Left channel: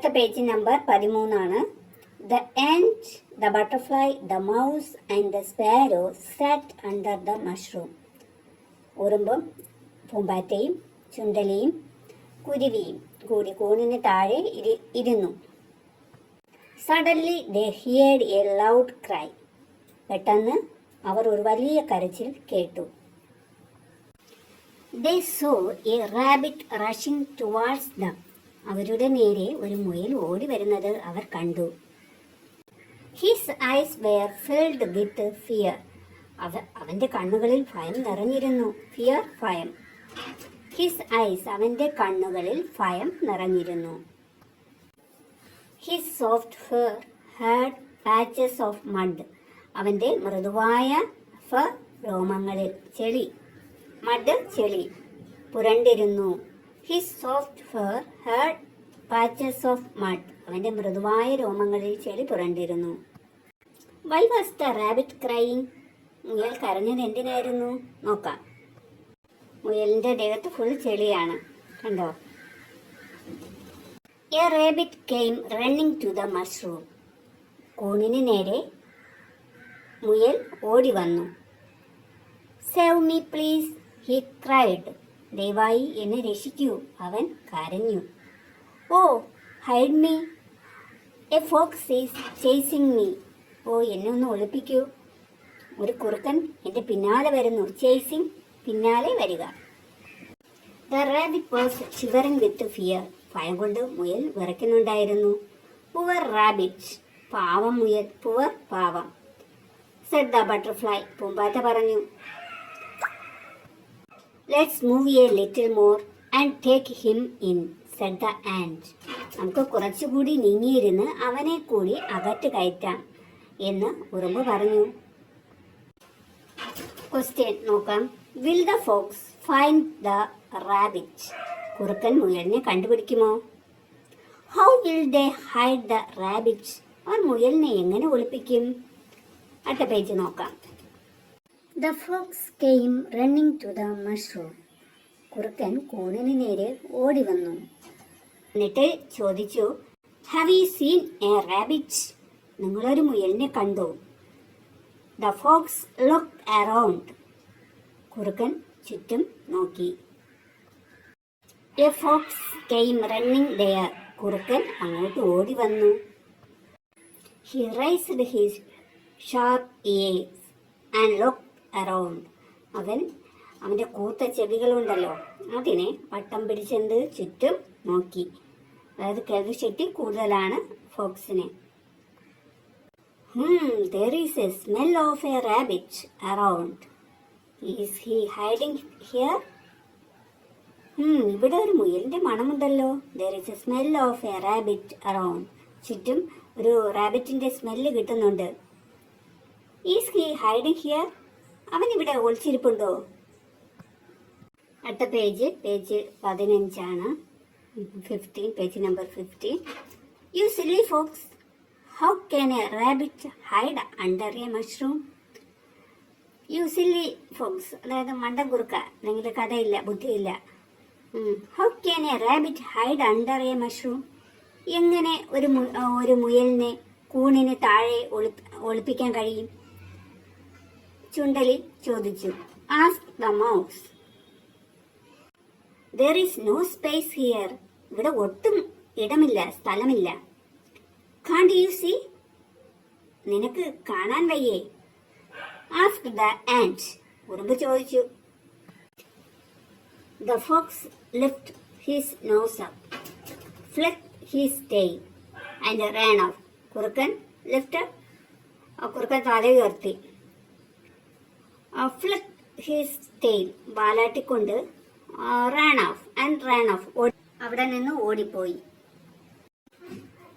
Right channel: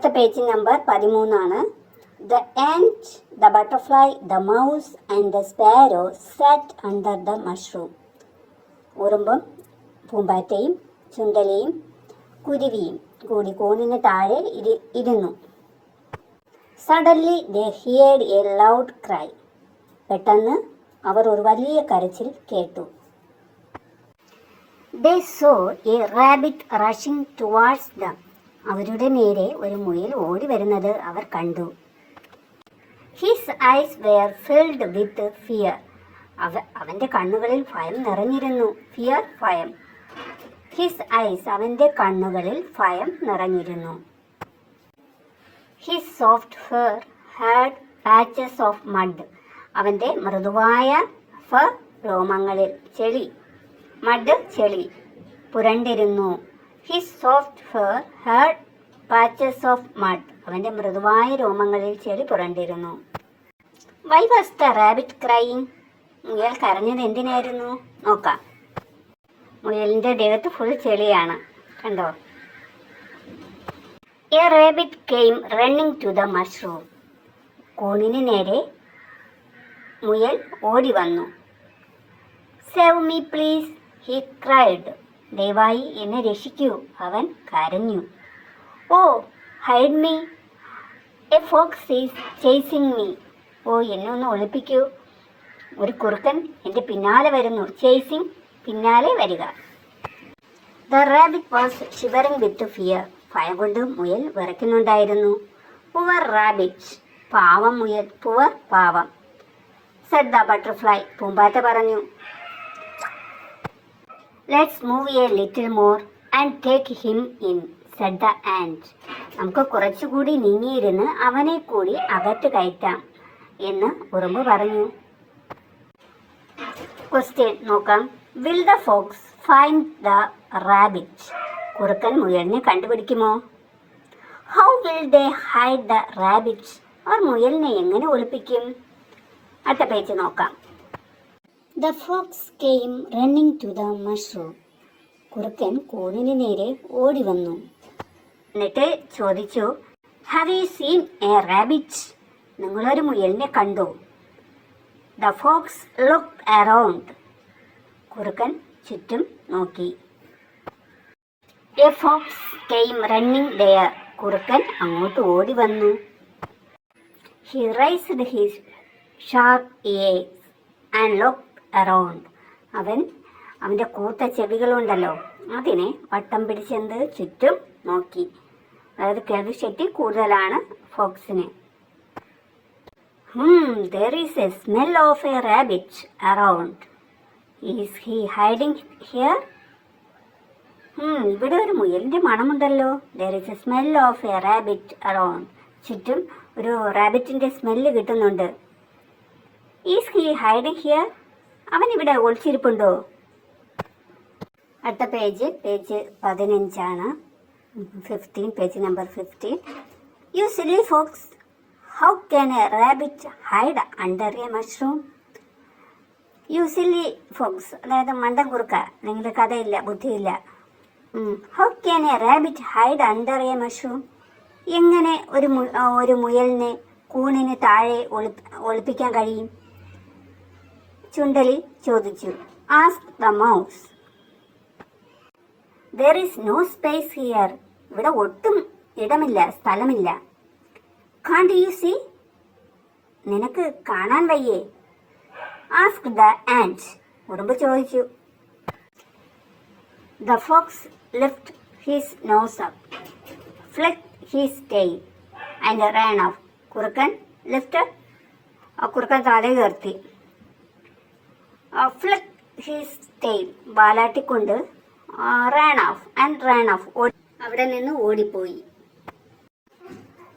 അടുത്ത page number 13 the ant, the butterfly, the mouse and the sparrow sat under the mushroom. ഉറുമ്പും പൂമ്പാറ്റയും ചുണ്ടലിയും കുരുവിയും കൂടി കൂണിന് താഴെ ഇരുന്നു. Suddenly they heard a loud cry. പെട്ടെന്ന് അവർ ഒരു വലിയ കരച്ചിൽ കേട്ടു. They saw a rabbit rushing towards them. അവരുടെ നേരെ ഒരു മുയൽ ഓടി വരുന്നത് അവർ കണ്ടു. His eyes were filled with fear. അവന്റെ കണ്ണുകളിൽ ഭയം നിറഞ്ഞിരുന്നു. Fear, ഭയം. His eyes, അവന്റെ കണ്ണുകളിൽ ഭയം നിറഞ്ഞിരുന്നു. His soft fur had patches of mud. അവന്റെ മൃദുവായ ഫർ രോമങ്ങളിൽ ചെളി, മഡ് ചെളി പുരണ്ടിരുന്നു. His soft fur had patches of mud. അവന്റെ മൃദുവായ രോമങ്ങളിൽ ചെളി പുരണ്ടിരുന്നു. Why was the rabbit crying? മുയൽ കരഞ്ഞത് എന്തിനായിരുന്നു? നോക്കാം. മുയലിന്റെ ദേഹത്ത് ഫുൾ ചെളിയാണ്, കണ്ടോ? A rabbit came running to the mushroom. കൂണിന് നേരെ മുയൽ ഓടി വന്നു. Save me please, he cried. ദയവായി എന്നെ രക്ഷിക്കൂ, അവൻ കരഞ്ഞു. Oh hide me, a fox is chasing me. Oh എന്നെ ഒന്ന് ഒളിപ്പിക്കൂ, ഒരു കുറുക്കൻ എൻ്റെ പിന്നാലെ വരുന്നു. ചേസിങ്, പിന്നാലെ വരിക. The rabbit was shivering with fear. ഭയം കൊണ്ട് മുയൽ വിറയ്ക്കുന്നുണ്ടായിരുന്നു. പുവർ റാബിറ്റ്, പാവം മുയൽ. പുവർ, പാവം. സെഡ് ദ ബട്ടർഫ്ലൈ, പൂമ്പാറ്റ പറഞ്ഞു. Let's move A little more and take him in, said the and. നമുക്ക് കുറച്ചുകൂടി നീങ്ങിയിരുന്ന് അവനെ കൂടി അകത്ത് കയറ്റാം എന്ന് ഉറുമ്പ് പറഞ്ഞു. ക്വസ്റ്റ്യൻ നോക്കാം. Will the fox find the rabbit? കുറുക്കൻ മുയലിനെ കണ്ടുപിടിക്കുമോ? How will they hide the rabbit? അവർ മുയലിനെ എങ്ങനെ ഒളിപ്പിക്കും? അടുത്ത പേജ് നോക്കാം. The fox came running to the mushroom. കുറുക്കൻ കൂണിന് നേരെ ഓടി വന്നു. എന്നിട്ട് ചോദിച്ചു, have you seen a rabbit? നിങ്ങളൊരു മുയലിനെ കണ്ടു? The fox looked around. കുറുക്കൻ ചുറ്റും നോക്കി. A fox came running there. കുറുക്കൻ അങ്ങോട്ട് ഓടി വന്നു. He raised his sharp ears and looked around. അവൻ്റെ കൂത്ത ചെവികളുണ്ടല്ലോ, അതിനെ വട്ടം പിടിച്ചെന്ത് ചുറ്റും നോക്കി. അതായത് കേൾവി ശക്തി കൂടുതലാണ് ഫോക്സിന്. there is a smell of a rabbit around. Is he hiding here? ഇവിടെ ഒരു മുയലിന്റെ മണമുണ്ടല്ലോ. there is a smell of a rabbit around. ചുറ്റും ഒരു റാബിറ്റിന്റെ സ്മെല്ല് കിട്ടുന്നുണ്ട്. Is he hiding here? അവൻ ഇവിടെ ഒളിച്ചിരിപ്പുണ്ടോ? അടുത്ത page 15 15, page number 15. You silly fox, how can a rabbit hide under a mushroom? You silly fox, അതായത് മണ്ടൻ കുറുക്ക, നിങ്ങളുടെ കഥയില്ല, ബുദ്ധിയില്ല. How can a rabbit hide under a mushroom? എങ്ങനെ ഒരു മുയലിനെ കൂണിന് താഴെ ഒളിപ്പിക്കാൻ കഴിയും? ചുണ്ടലി ചോദിച്ചു. Ask the mouse. there is no space here. ഇവിടെ ഒട്ടും ഇടമില്ല, സ്ഥലമില്ല. can't you see? നിനക്ക് കാണാൻ വയ്യേ? Ask the ant. ഉറുമ്പ് ചോദിച്ചു. the fox lifted his nose up, flicked his tail and ran off. കുറുക്കൻ കുറുക്കൻ തല ഉയർത്തി. flicked his tail, വാലാട്ടിക്കൊണ്ട് ran off, അവിടെ നിന്ന് ഓടിപ്പോയി.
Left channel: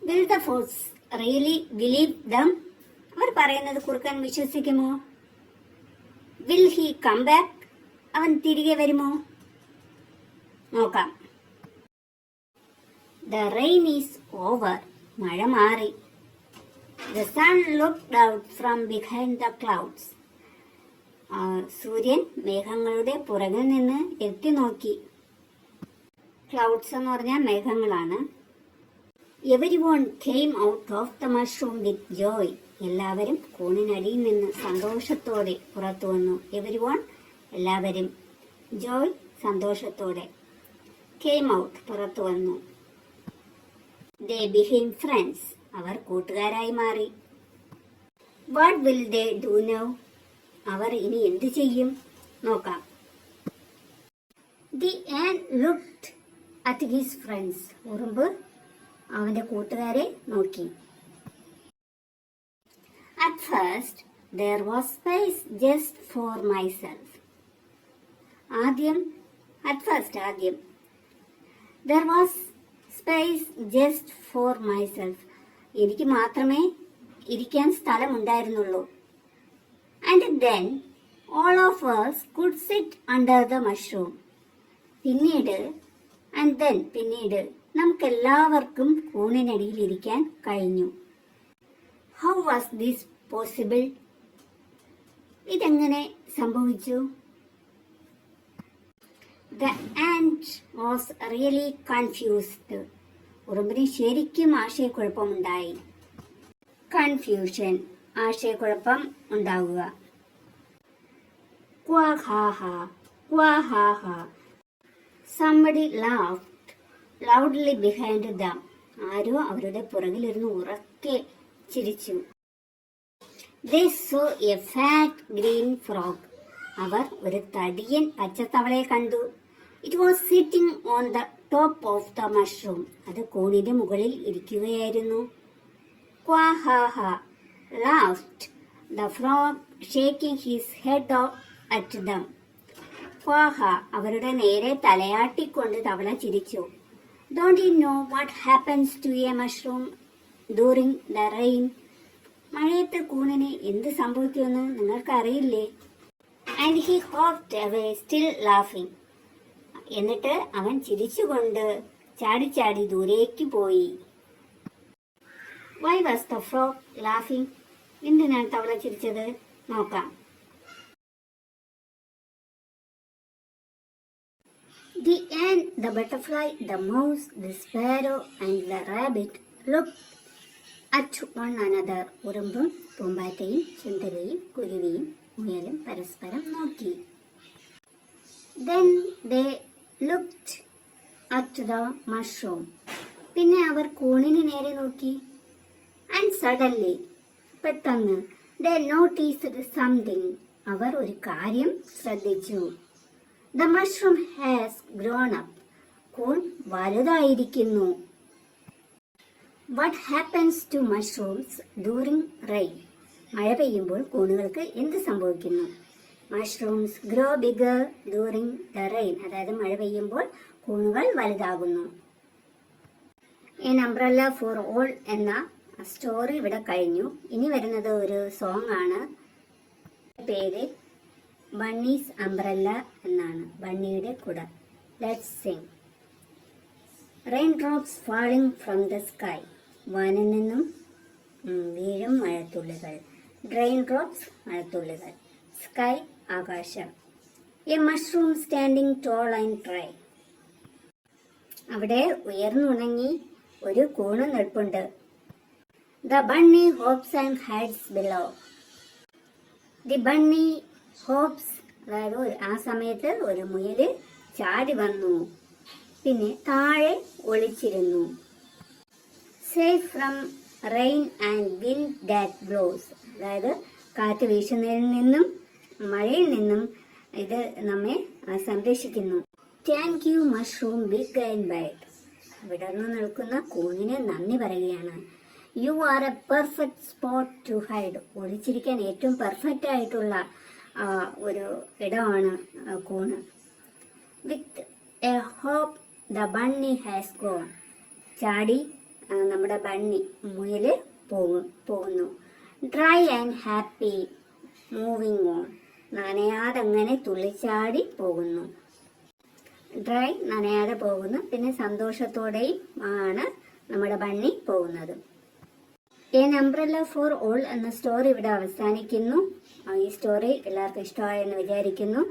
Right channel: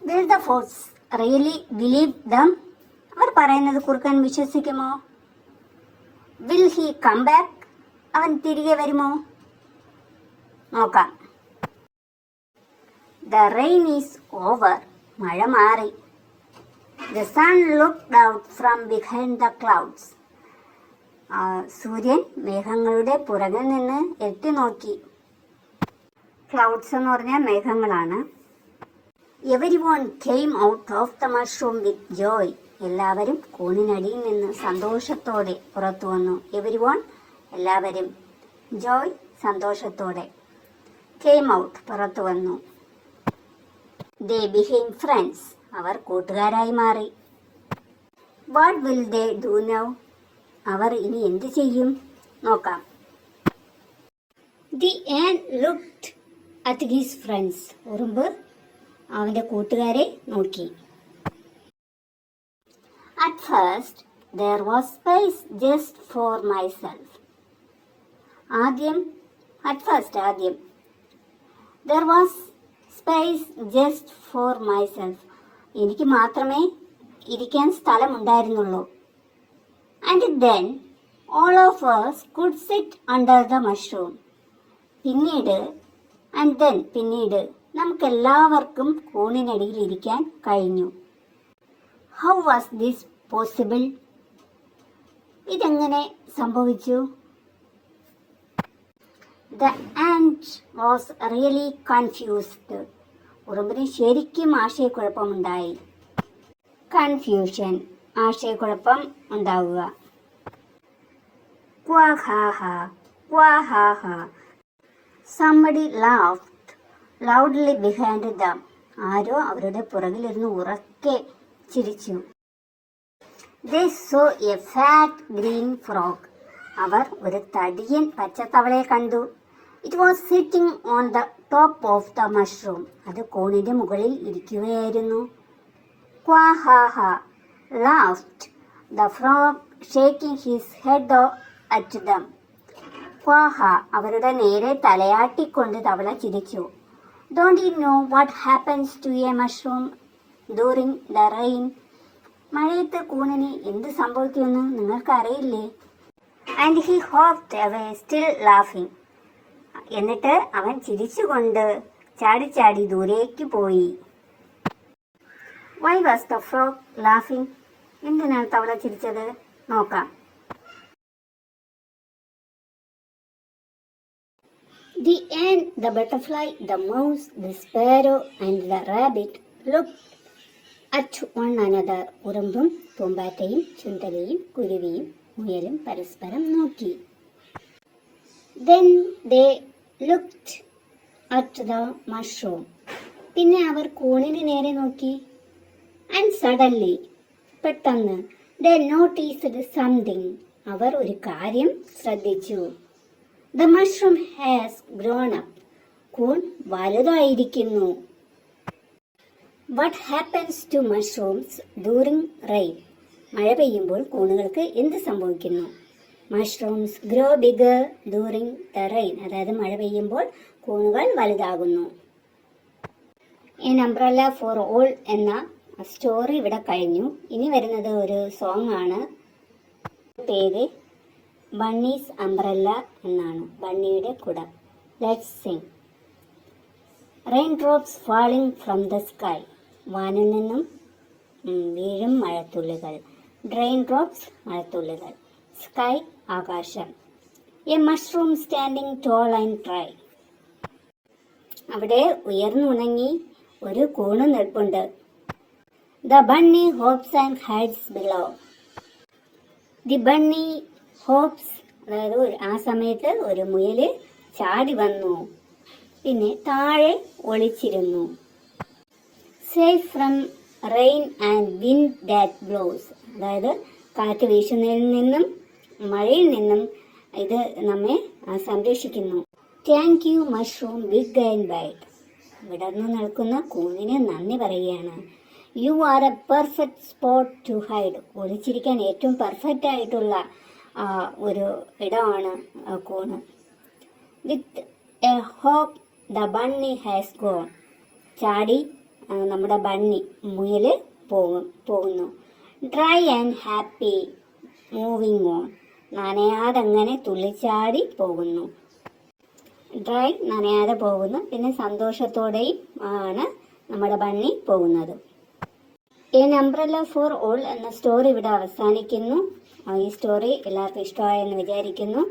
will the fox really believe them? അവർ പറയുന്നത് കുറുക്കൻ വിശ്വസിക്കുമോ? will he come back? അവൻ തിരികെ വരുമോ? നോക്കാം. the rain is over. മഴ മാറി. the sun looked out from behind the clouds. സൂര്യൻ മേഘങ്ങളുടെ പുറകിൽ നിന്ന് എത്തി നോക്കി. ക്ലൗഡ്സ് എന്ന് പറഞ്ഞാൽ മേഘങ്ങളാണ്. Everyone came out of the mushroom with joy. എല്ലാവരും കൂണിനടിയിൽ നിന്ന് സന്തോഷത്തോടെ പുറത്തു വന്നു. Everyone എല്ലാവരും, joy സന്തോഷത്തോടെ, came out പുറത്തു വന്നു. They became friends. അവർ കൂട്ടുകാരായി മാറി. What will they do now? അവർ ഇനി എന്ത് ചെയ്യും? നോക്കാം. The ant looked at his friends. ഉറുമ്പ് അവന്റെ കൂട്ടുകാരെ നോക്കി. At first there was space just for myself. ആദ്യം there was space just for myself. എനിക്ക് മാത്രമേ ഇരിക്കാൻ സ്ഥലമുണ്ടായിരുന്നുള്ളൂ. And then all of us could sit under the mushroom. പിന്നീട് നമുക്കെല്ലാവർക്കും കൂണിനടിയിൽ ഇരിക്കാൻ കഴിഞ്ഞു. How was this possible? ഇതെങ്ങനെ സംഭവിച്ചു? The ant was really confused. ഉറുമ്പിന് ശരിക്കും ആശയക്കുഴപ്പമുണ്ടായി. കൺഫ്യൂഷൻ, ആശയക്കുഴപ്പം ഉണ്ടാവുക. Quahaha. Somebody laughed loudly behind them. ആരോ അവരുടെ പുറകിലിരുന്ന് ഉറക്കെ ചിരിച്ചു. They saw a fat green frog. അവർ ഒരു തടിയൻ പച്ചത്തവളയെ കണ്ടു. It was sitting on the top of the mushroom. അത് കോണിന്റെ മുകളിൽ ഇരിക്കുകയായിരുന്നു. Quahaha laughed the frog, shaking his head at them. Quaha അവരുടെ നേരെ തലയാട്ടിക്കൊണ്ട് തവള ചിരിച്ചു. Don't you know what happens to a mushroom during the rain? മഴയത്ത് കൂണിന് എന്ത് സംഭവിക്കുമെന്ന് നിങ്ങൾക്കറിയില്ലേ? And he hopped away still laughing. എന്നിട്ട് അവൻ ചിരിച്ചുകൊണ്ട് ചാടി ദൂരേക്ക് പോയി. Why was the frog laughing? എന്തിനാണ് തവള ചിരിച്ചത്? നോക്കാം. The ant, the butterfly, the mouse, the sparrow and the rabbit looked at one another. ഉറുമ്പും പൂമ്പാറ്റയും ചുണ്ടലിയും കുരുവിയും മുയലും പരസ്പരം നോക്കി. Then they looked at the mushroom. പിന്നെ അവർ കൂണിന് നേരെ നോക്കി. And suddenly, പെട്ടെന്ന്, they noticed something. അവർ ഒരു കാര്യം ശ്രദ്ധിച്ചു. The mushroom has grown up. കൂൺ വലുതായിരിക്കുന്നു. What happens to mushrooms during rain? മഴ പെയ്യുമ്പോൾ കൂണുകൾക്ക് എന്ത് സംഭവിക്കുന്നു? Mushrooms grow bigger during the rain. അതായത് മഴ പെയ്യുമ്പോൾ കൂണുകൾ വലുതാകുന്നു. An umbrella for all എന്ന സ്റ്റോറി ഇവിടെ കഴിഞ്ഞു. ഇനി വരുന്നത് ഒരു സോങ് ആണ്. പേര് ബണ്ണീസ് അംബ്രല്ല എന്നാണ്, ബണ്ണിയുടെ കുട. Let's sing. Rain drops falling from the sky. വാനിൽ നിന്നും വീഴും മഴത്തുള്ളികൾ. റെയിൻ ഡ്രോപ്സ് മഴത്തുള്ളികൾ. സ്കൈ ആകാശം. A mushroom standing tall and dry. അവിടെ ഉയർന്നുണങ്ങി ഒരു കൂണ് നിൽപ്പുണ്ട്. The bunny hops and hides below. The bunny hops, അതായത് ആ സമയത്ത് ഒരു മുയല് ചാടി വന്നു, പിന്നെ താഴെ ഒളിച്ചിരുന്നു. Safe from rain and wind that blows. അതായത് കാറ്റ് വീശുന്നതിൽ നിന്നും മഴയിൽ നിന്നും ഇത് നമ്മെ സംരക്ഷിക്കുന്നു. Thank you mushroom big and bad. വിടർന്നു നിൽക്കുന്ന കൂണിന് നന്ദി പറയുകയാണ്. You are a perfect spot to hide. ഒളിച്ചിരിക്കാൻ ഏറ്റവും പെർഫെക്റ്റ് ആയിട്ടുള്ള ഒരു ഇടമാണ് കൂണ്. With a hop the bunny has gone. ചാടി നമ്മുടെ ബണ്ണി മുയല് പോകുന്നു. Dry and happy moving on. നനയാതങ്ങനെ തുള്ളിച്ചാടി പോകുന്നു. ഡ്രൈ നനയാതെ പോകുന്നു, പിന്നെ സന്തോഷത്തോടെയും ആണ് നമ്മുടെ ബണ്ണി പോകുന്നത്. എൻ അംബ്രല്ല ഫോർ ഓൾ എന്ന സ്റ്റോറി ഇവിടെ അവസാനിക്കുന്നു. ഈ സ്റ്റോറി എല്ലാവർക്കും ഇഷ്ടമായെന്ന് വിചാരിക്കുന്നു.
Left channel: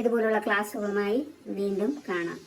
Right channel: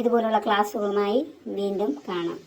ഇതുപോലുള്ള ക്ലാസ്സുകളുമായി വീണ്ടും കാണാം.